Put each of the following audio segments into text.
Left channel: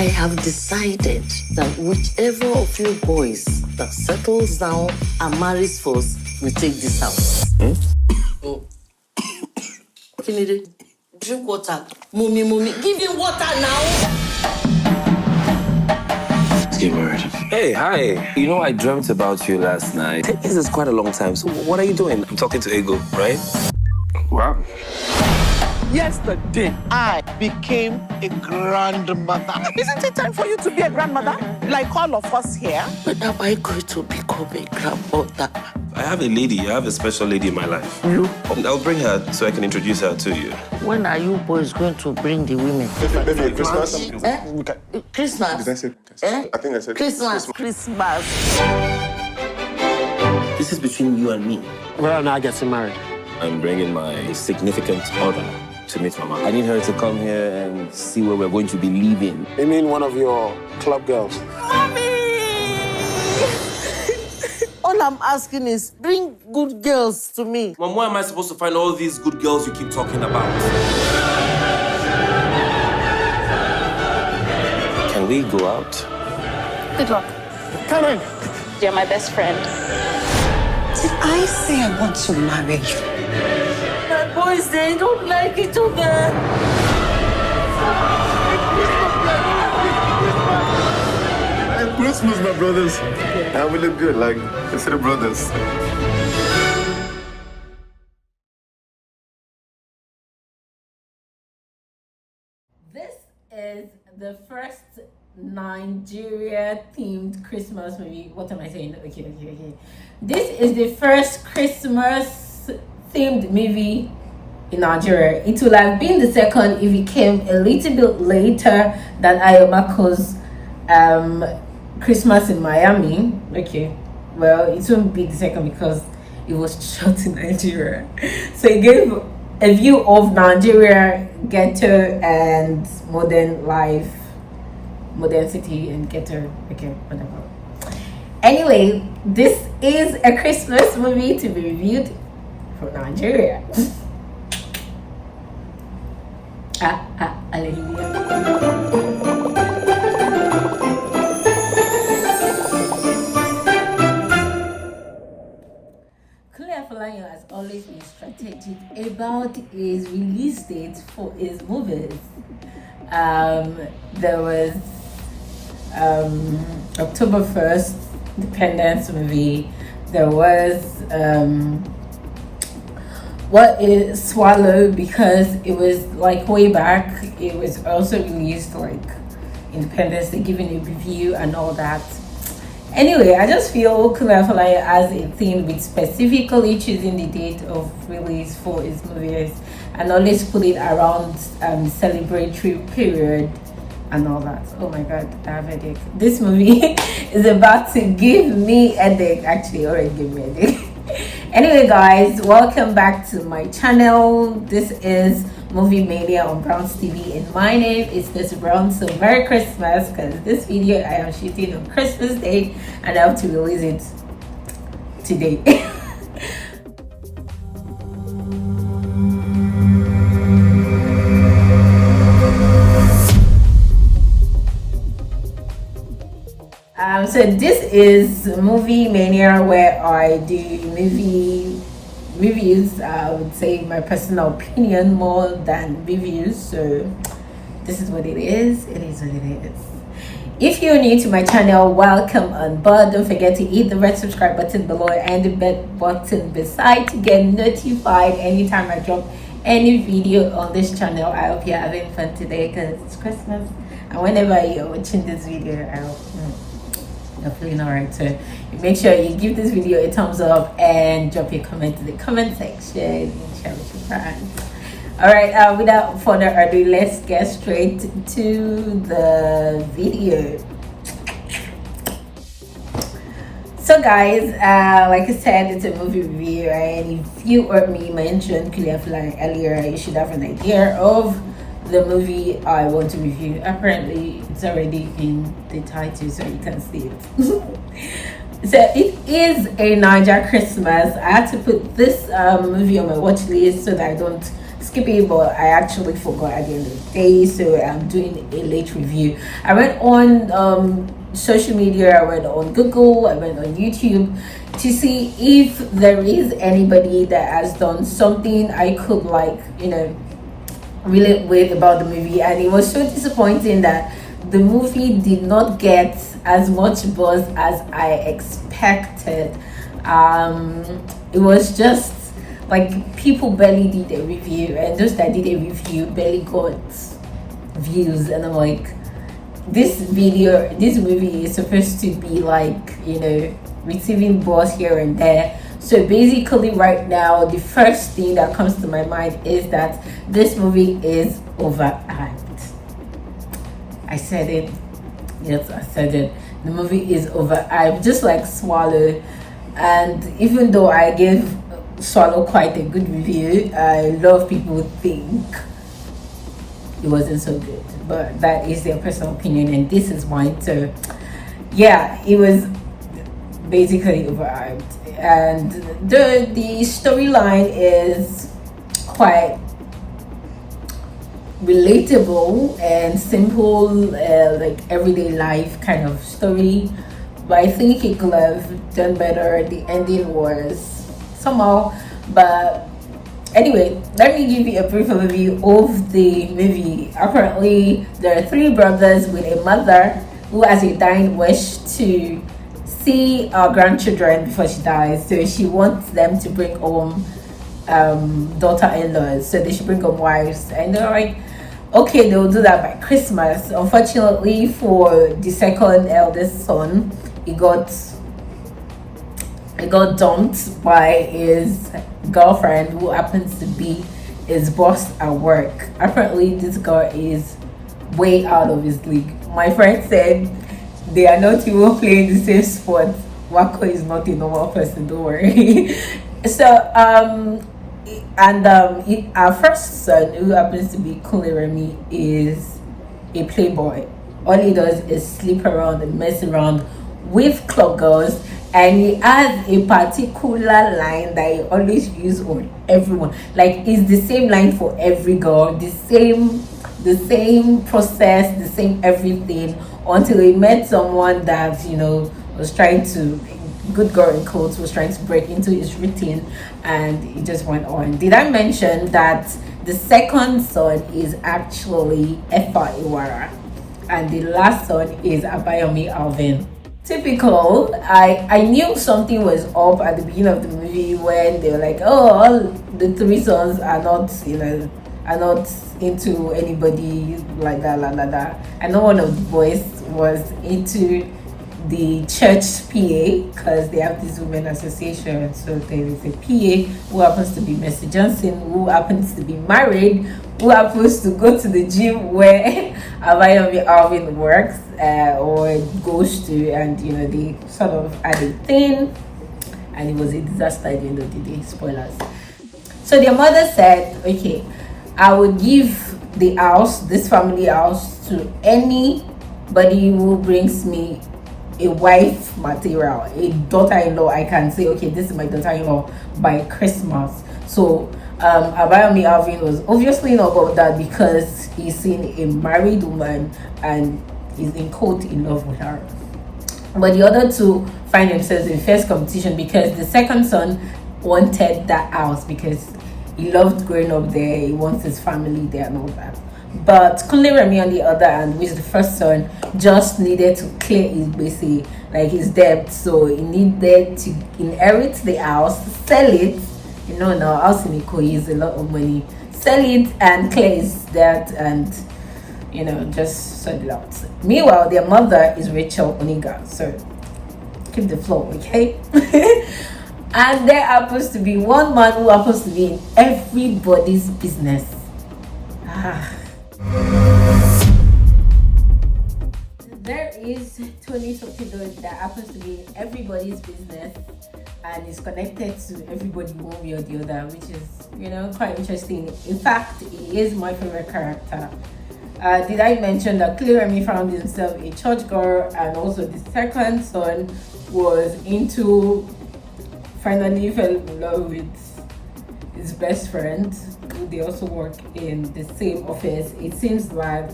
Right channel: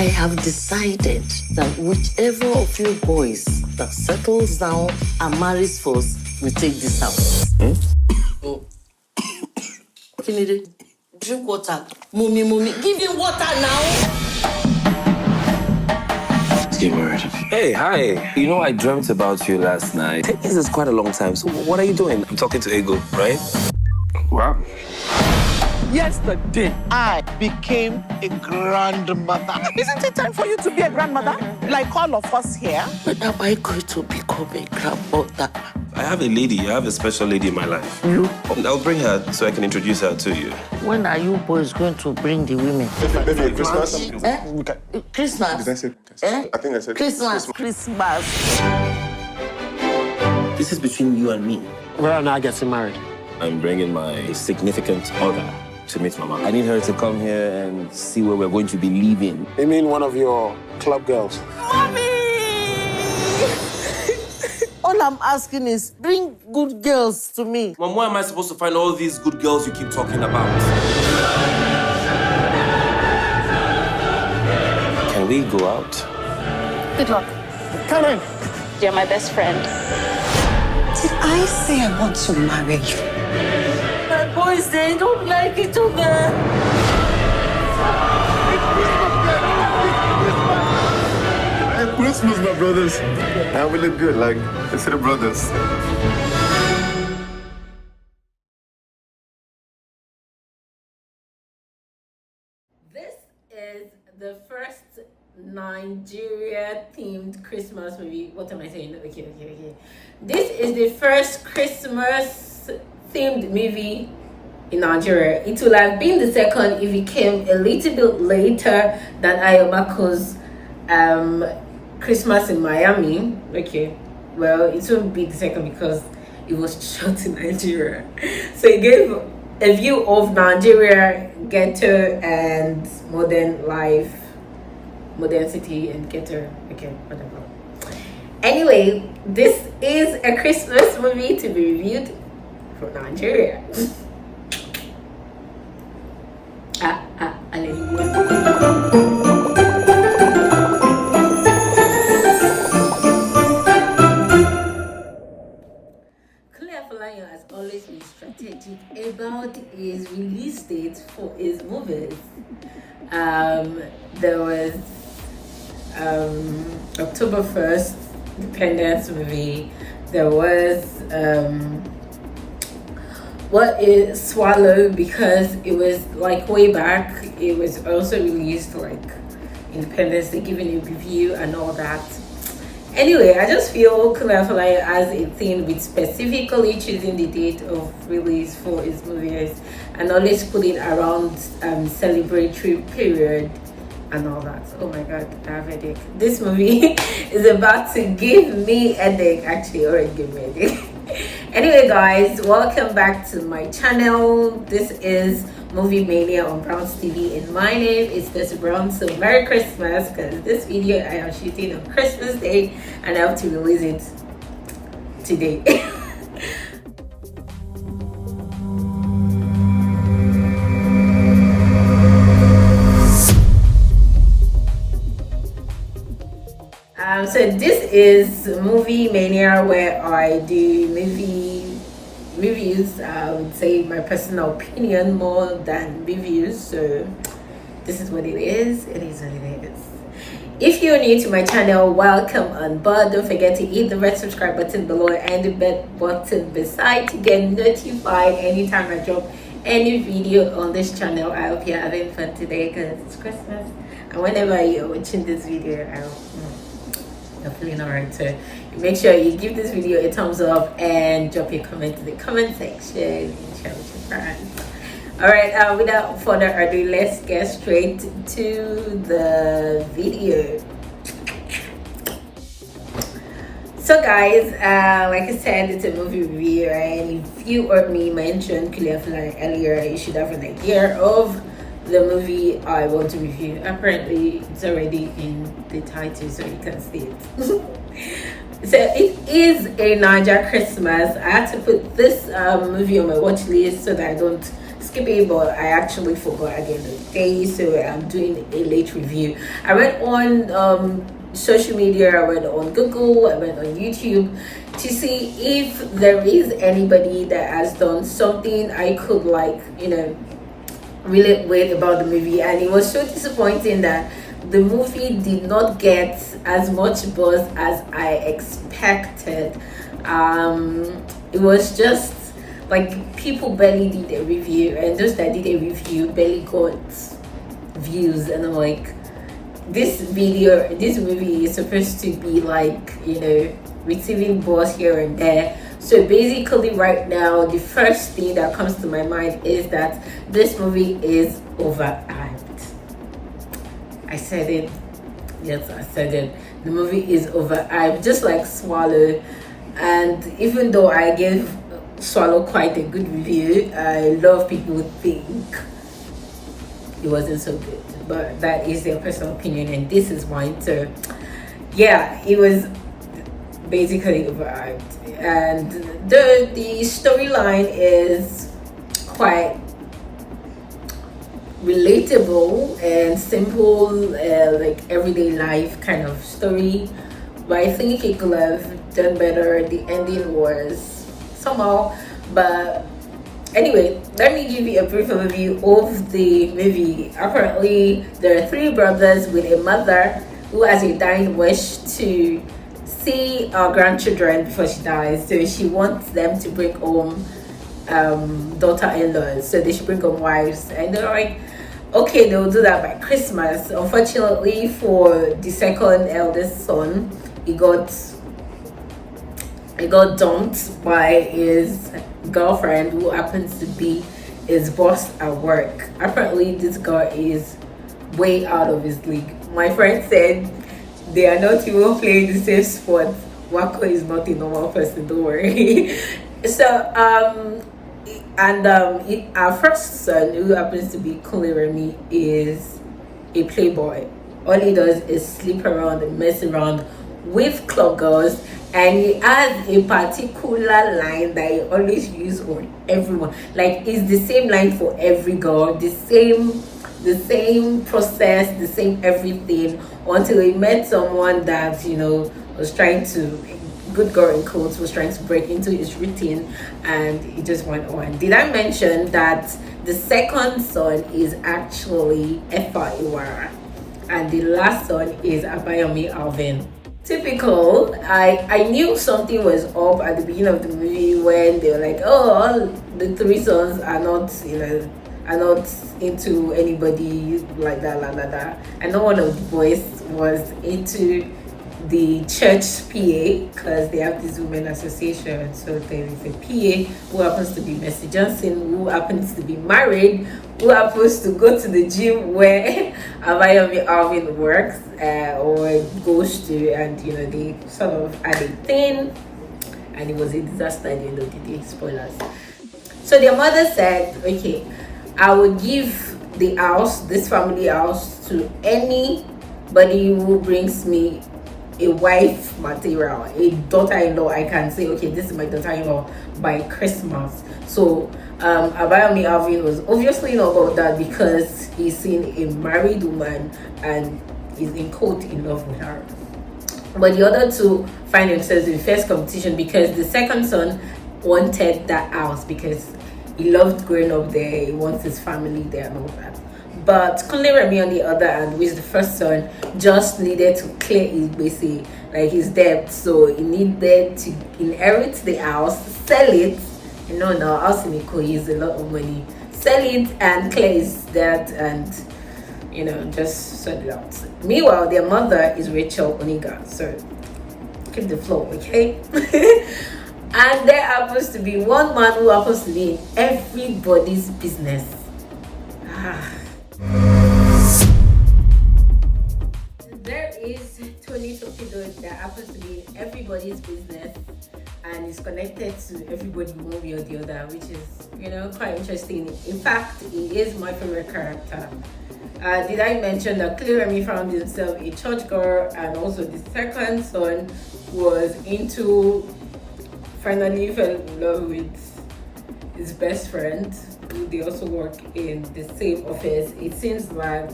I have decided that whichever of you boys that settles down and marries first will take this house. Kinide, drink water. Mummy, give him water now. Let's get married. Hey, hi. You know, I dreamt about you last night. 10 years is quite a long time. So what are you doing? I'm talking to Ego, right? Wow. Yesterday, I became a grandmother. Isn't it time for you to be a grandmother? Like all of us here? When am I going to become a grandmother? I have a lady. I have a special lady in my life. You? I'll bring her so I can introduce her to you. When are you boys going to bring the women? Maybe Christmas? Christmas? Did I say Christmas? I think I said Christmas. This is between you and me. Where am I getting married? I'm bringing my significant other to meet Mama. I need her to come here and see where we're going to be living. You mean one of your club girls? Mommy! All I'm asking is bring good girls to me. Mom, where am I supposed to find all these good girls you keep talking about? Can we go out? Good luck. Come in. You're my best friend. Did I say I want to marry you? My boys, they don't like it over. Christmas, my brothers. And we look good, like, it's the brothers. This is the first Nigeria-themed Christmas movie. What am I saying? Okay. This is the first Christmas-themed movie in Nigeria. It would have been the second if it came a little bit later than Ayomako's Christmas in Miami. Okay, well, it won't be the second because it was shot in Nigeria. So it gave a view of Nigeria, ghetto, and modern life, modern city and ghetto. Okay, whatever. Anyway, this is a Christmas movie to be reviewed for Nigeria. Ali. Kunle Afolayan has always been strategic about his release date for his movies. There was October 1st, Independence movie. There was what is Swallow, because it was like way back. It was also released like Independence, they giving a review and all that. Anyway, I just feel Kunle Afolayan has a thing with specifically choosing the date of release for his movies and always put it around celebratory period and all that. Oh my god, I have a headache. This movie is about to give me a headache. Actually, already give me a headache. Anyway guys, welcome back to my channel. This is Movie Mania on Brown's TV and my name is Miss Brown. So Merry Christmas, because this video I am shooting on Christmas Day and I have to release it today. So this is Movie Mania, where I do movie reviews. I would say my personal opinion more than reviews. So this is what it is. It is what it is. If you're new to my channel, welcome on board. Don't forget to hit the red subscribe button below and the bell button beside to get notified anytime I drop any video on this channel. I hope you're having fun today because it's Christmas, and whenever you're watching this video, I hope you're feeling alright. So make sure you give this video a thumbs up and drop your comment in the comment section and share with your friends. Alright, without further ado, let's get straight to the video. So guys, like I said, it's a movie review, and if you heard me mention Kunle Afolayan earlier, you should have an idea of the movie I want to review. Apparently it's already in the title, so you can see it. So it is a Naija Christmas. I had to put this movie on my watch list so that I don't skip it, but I actually forgot at the end of the day, so I'm doing a late review. I went on social media, I went on Google, I went on YouTube to see if there is anybody that has done something I could relate with about the movie, and it was so disappointing that the movie did not get as much buzz as I expected. It was just like people barely did a review, and those that did a review barely got views, and I'm like, this movie is supposed to be receiving buzz here and there. So basically right now, the first thing that comes to my mind is that this movie is overhyped. I said it. Yes, I said it. The movie is overhyped, just like Swallow. And even though I gave Swallow quite a good review, a lot of people think it wasn't so good. But that is their personal opinion, and this is mine. So yeah, it was basically overhyped. And the storyline is quite relatable and simple, like everyday life kind of story, but I think it could have done better. The ending was somehow, but anyway, let me give you a brief overview of the movie. Apparently there are three brothers with a mother who has a dying wish to see our grandchildren before she dies, so she wants them to bring home daughter-in-laws, so they should bring home wives, and they're like, okay, they will do that by Christmas. Unfortunately for the second eldest son, he got dumped by his girlfriend, who happens to be his boss at work. Apparently this girl is way out of his league. My friend said they are not even playing the same sport. Wako is not a normal person, don't worry. So our first son, who happens to be Kunle Remi, is a playboy. All he does is sleep around and mess around with club girls, and he has a particular line that he always uses on everyone. Like, it's the same line for every girl, the same process, the same everything, until he met someone that was trying to, good girl in quotes, was trying to break into his routine, and it just went on. Did I mention that the second son is actually Efa Iwara, and the last son is Abayomi Alvin? Typical. I knew something was up at the beginning of the movie when they were like, oh, all the three sons are not into anybody like that. And no one of the boys was into the church PA, because they have this women association. So there is a PA who happens to be Mercy Johnson, who happens to be married, who happens to go to the gym where Abayomi Alvin works or goes to, and they sort of had a thing, and it was a disaster at the end of the day. Spoilers. So their mother said, okay, I would give this family house, to anybody who brings me a wife material, a daughter-in-law. I can say, okay, this is my daughter-in-law by Christmas. So Abayomi Alvin was obviously not about that, because he's seen a married woman and he's in quote in love with her. But the other two find themselves in fierce competition, because the second son wanted that house because he loved growing up there, he wants his family there and all that. But Kunle Remi, on the other hand, which is the first son, just needed to clear his debt. So he needed to inherit the house, sell it. Now house in Ikoyi is a lot of money. Sell it and clear his debt, and just sort it out. Meanwhile, their mother is Rachel Oniga. So keep the flow, okay? And there happens to be one man who happens to be in everybody's business. There is Tony Sopido that happens to be in everybody's business and is connected to everybody one way or the other, which is quite interesting. In fact, he is my favorite character. Did I mention that Kunle Remi found himself a church girl, and also the second son finally fell in love with his best friend, people, they also work in the same office. It seems like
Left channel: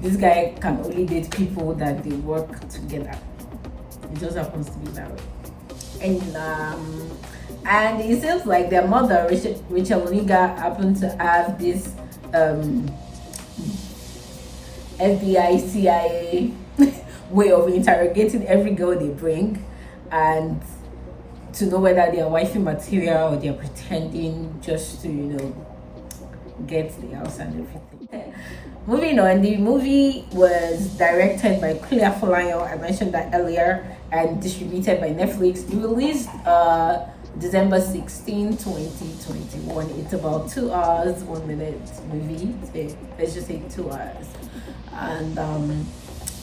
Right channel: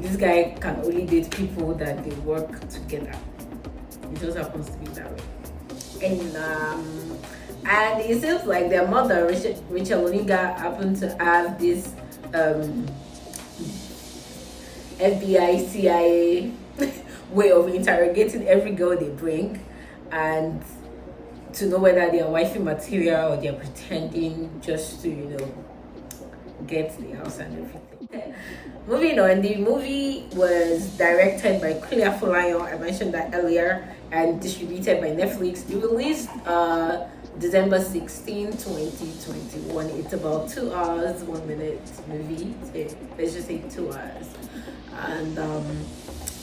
this guy can only date people that they work together. It just happens to be that way. And it seems like their mother, Rachel Oniga, happened to have this FBI, CIA way of interrogating every girl they bring, and to know whether they are wifey material or they're pretending just to, get the house and everything. Moving on, the movie was directed by Kunle Afolayan, I mentioned that earlier, and distributed by Netflix. It released December 16, 2021. It's about 2 hours, 1 minute movie. So let's just say 2 hours. And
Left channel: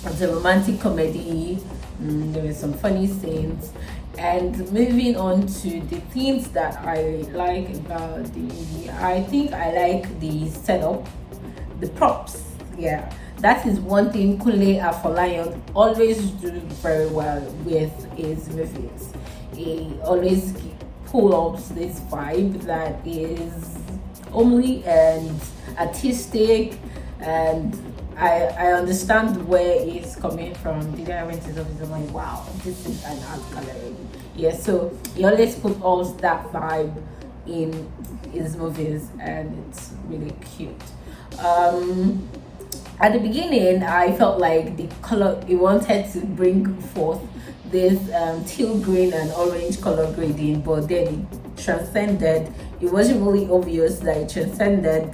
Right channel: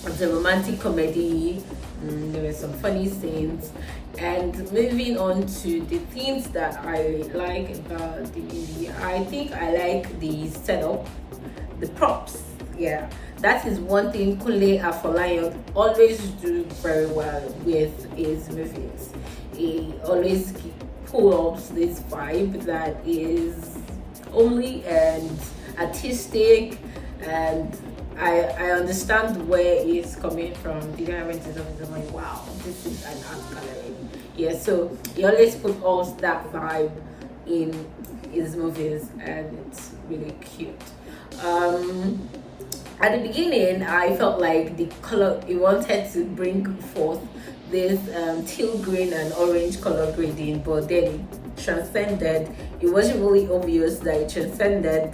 it's a romantic comedy. There is some funny scenes. And moving on to the things that I like about the movie, I think I like the setup, the props. Yeah, that is one thing Kunle Afolayan always do very well with his movies. He always pull up this vibe that is homely and artistic, and I understand where he's coming from. The guy went to his office and like, wow, this is an art gallery. Yeah, so he always put all that vibe in his movies, and it's really cute. At the beginning, I felt like the color he wanted to bring forth this teal green and orange color grading, but then it transcended. It wasn't really obvious that it transcended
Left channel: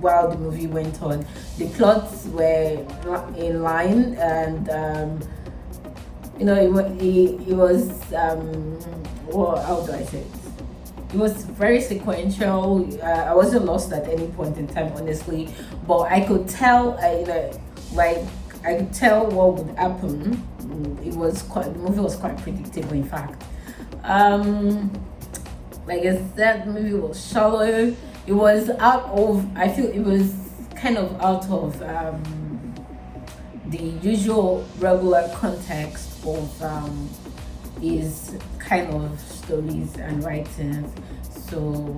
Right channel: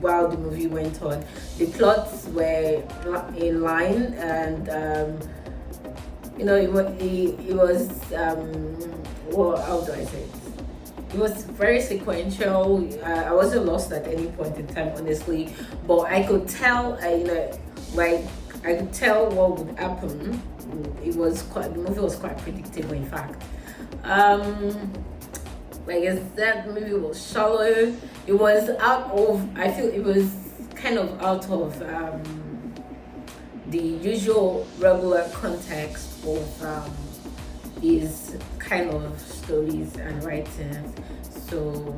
while the movie went on. The plots were in line, and it was well, how do I say it? It was very sequential. I wasn't lost at any point in time, honestly, but I could tell, I could tell what would happen. The movie was quite predictable, in fact. Like I said, the movie was shallow. It was I feel it was kind of out of the usual regular context of his kind of stories and writings, so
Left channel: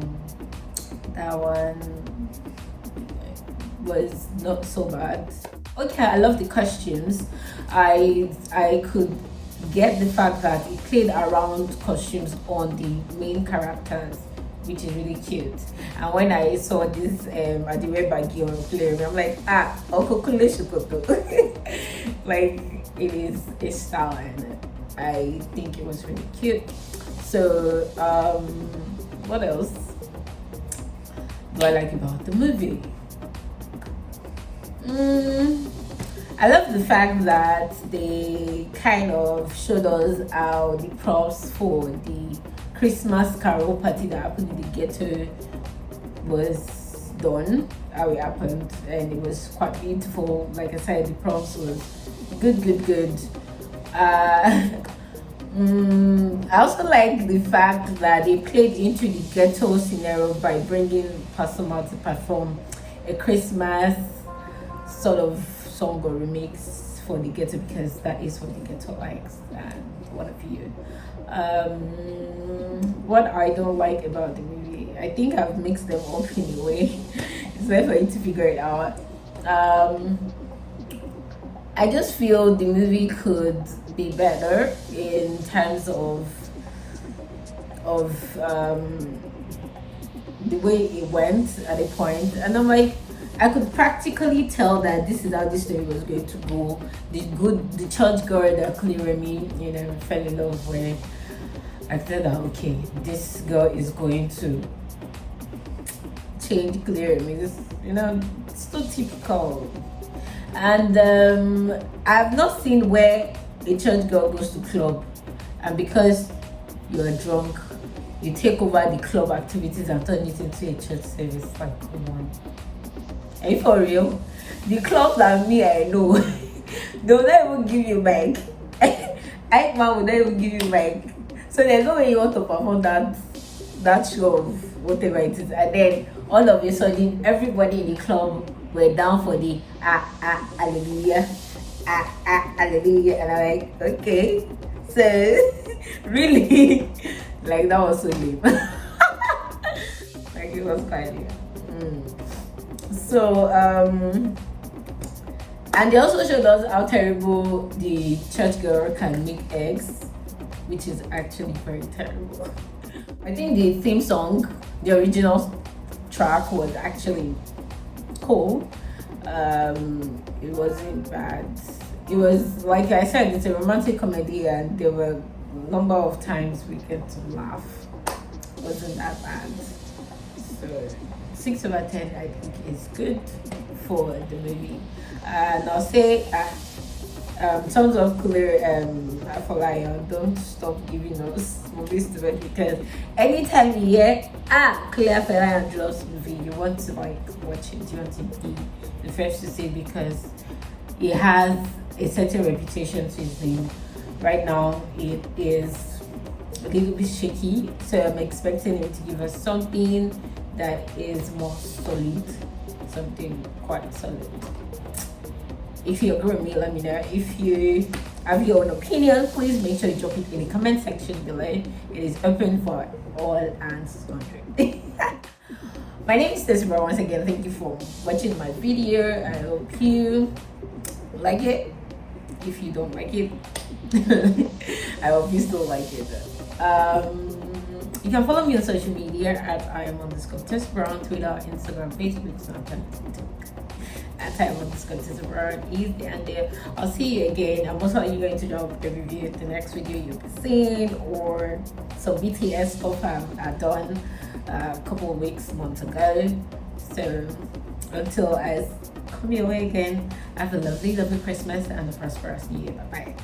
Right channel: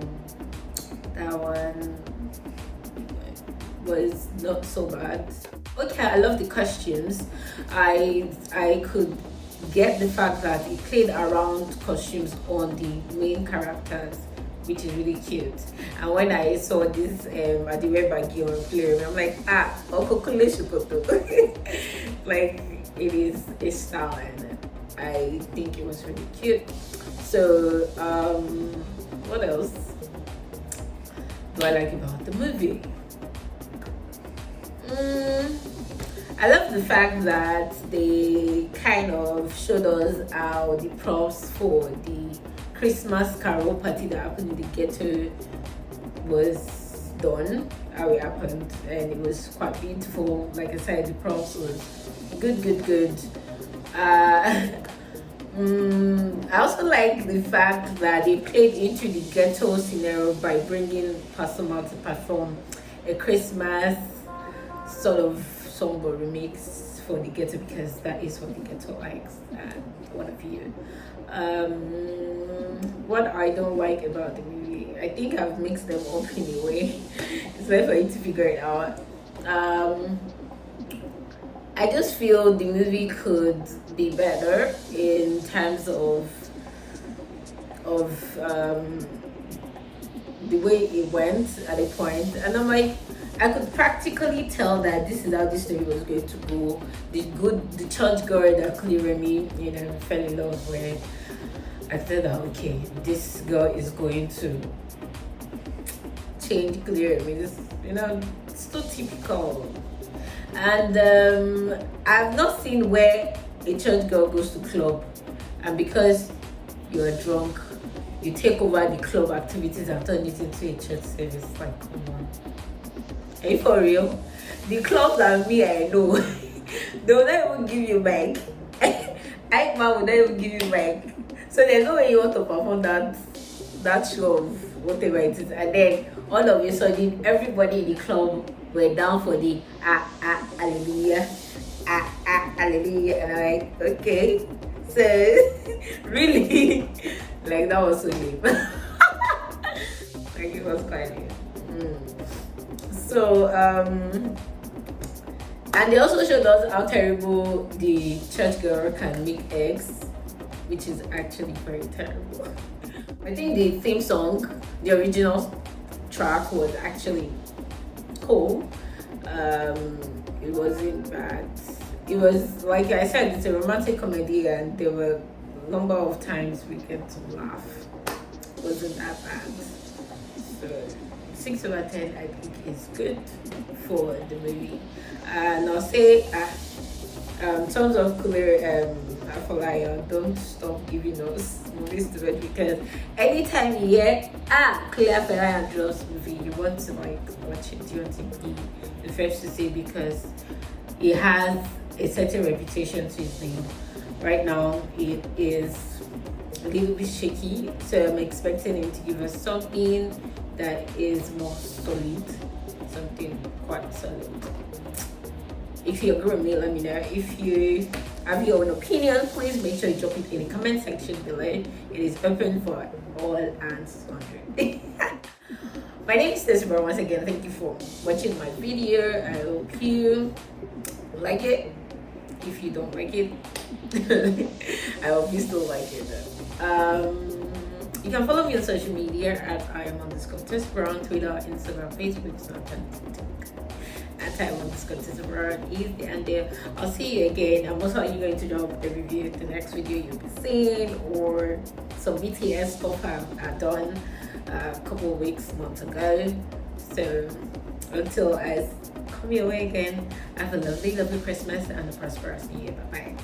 that one was not so bad. Okay, I love the costumes. I could get the fact that he played around costumes on the main characters, which is really cute. And when I saw this Adedimeji or Kunle Remi, I'm like, Uncle Kunle Shukoto. Like, it is a style, and I think it was really cute. So what else do I like about the movie? I love the fact that they kind of showed us how the props for the Christmas carol party that happened in the ghetto was done, how it happened, and it was quite beautiful. Like I said, the props was good. I also like the fact that they played into the ghetto scenario by bringing Pasuma to perform a Christmas sort of song or remix for the ghetto, because that is what the ghetto likes, and what have you. What I don't like about the movie, I think I've mixed them up in a way. It's better for you to figure it out. I just feel the movie could be better in terms of the way it went at a point, and I'm like, I could practically tell that this is how this story was going to go. The church girl that Kunle Remi, fell in love with, I thought that, okay, this girl is going to change Kunle Remi. This, it's so typical. And I've not seen where a church girl goes to club, and because you're drunk, you take over the club activities and turn it into a church service. Like, come on. Are you for real? The clubs that I know, they will not even give you mic. Ike man will not even give you mic. So there's no way you want to perform that show of whatever it is. And then all of a sudden, everybody in the club were down for the hallelujah, hallelujah. And I'm like, okay. So, really, like, that was so deep. Like it was quite weird. So and they also showed us how terrible the church girl can make eggs, which is actually very terrible. I think the theme song, the original track, was actually cool. It wasn't bad. It was, like I said, it's a romantic comedy, and there were a number of times we get to laugh. It wasn't that bad. So 6 over 10 I think is good for the movie. And I'll say terms of Kunle Afolayan, don't stop giving us movies to watch, because anytime you hear Kunle Afolayan drops movie, you want to like watch it. You want to be the first to say, because he has a certain reputation to his name. Right now it is a little bit shaky, so I'm expecting him to give us something that is more solid, something quite solid. If you agree with me, let me know. If you have your own opinion, please make sure you drop it in the comment section below. It is open for all hands wondering. My name is Osifo. Once again, thank you for watching my video. I hope you like it. If you don't like it, I hope you still like it. You can follow me on social media at @Iam_Osifo on Twitter, Instagram, Facebook, Snapchat, TikTok. At @Iam_Osifo is there and there. I'll see you again. I'm also going to drop a review of the next video you'll be seeing, or some BTS stuff I've done a couple of months ago. So until I come your way again, have a lovely Christmas and a prosperous new year. Bye bye.